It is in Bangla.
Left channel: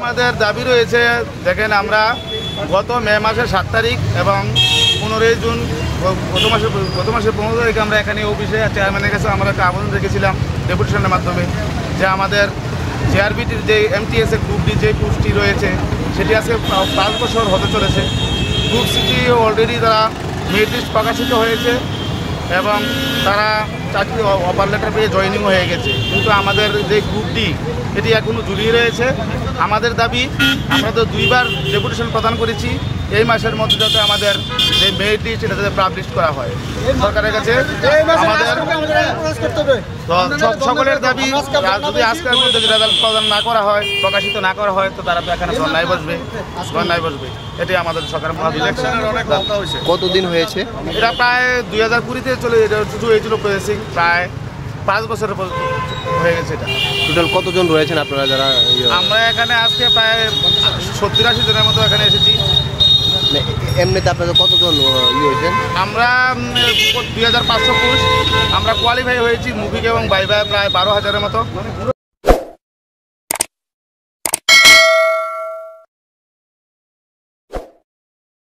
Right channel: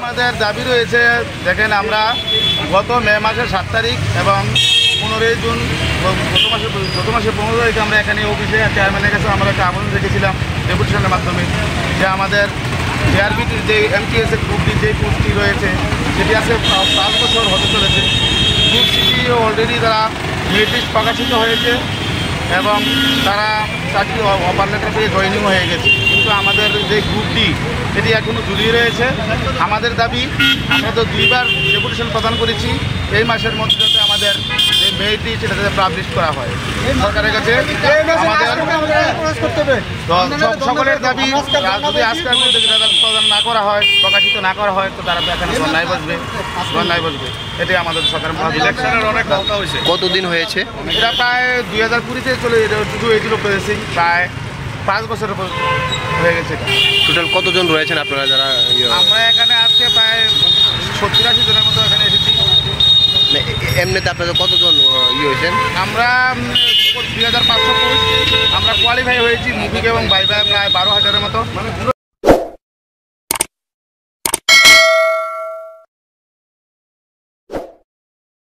আমাদের দাবি রয়েছে, দেখেন আমরা গত মে মাসের 7 তারিখ এবং 15 জুন গত মাসের 15 তারিখে আমরা এখানে অফিসে চেয়ারম্যানের কাছে আমরা একটা আবেদন রেখেছিলাম ডেপুটেশনের মাধ্যমে, যে আমাদের জেআরবিটির যে এমটিএসের গ্রুপ ডি যে কোর্সটি রয়েছে সেটি আজকে 5 বছর হতে চলেছে। গ্রুপ সিটি অলরেডি তারা মেরিট লিস্ট প্রকাশিত হয়েছে এবং তারা চাকরি অফার লেটার পেয়ে জয়েনিং হয়ে গেছে, কিন্তু আমাদের যে গ্রুপ ডি সেটি এখনও জড়িয়ে রয়েছে। আমাদের দাবি, আমরা তো 2বার ডেপুটেশন প্রদান করেছি, এই মাসের মধ্যে যাতে আমাদের যে মেরিট লিস্ট সেটা যাতে পাবলিশ করা হয় সরকারের কাছে। আমাদের সকলের দাবি, যদি আজকের মধ্যে রেজাল্ট প্রদান না করা হয়, প্রকাশিত না করা হয়, তো তারা এখানে ধর্নায় বসবে। এটাই আমাদের সরকারের ইলেকশনের অনেক দরকার হয়েছে। কতদিন হয়েছে এটা? প্রায় 2020-তে চলে শুধু হয়েছিল প্রসেসিং, প্রায় 5 বছরের হয়ে গেছে। এটা টোটাল কতজন রয়েছেন আপনারা যারা? আমরা এখানে আজকে প্রায় 70-80 জনের মতো এখানে এসেছি। এমনিতে আপনাদের কতজন হয়েছেন? আমরা 2500 পোস্ট আমরা কোয়ালিফাই হয়েছি, মুভিক এবং বাইবাই প্রায় 12,000-এর মতো।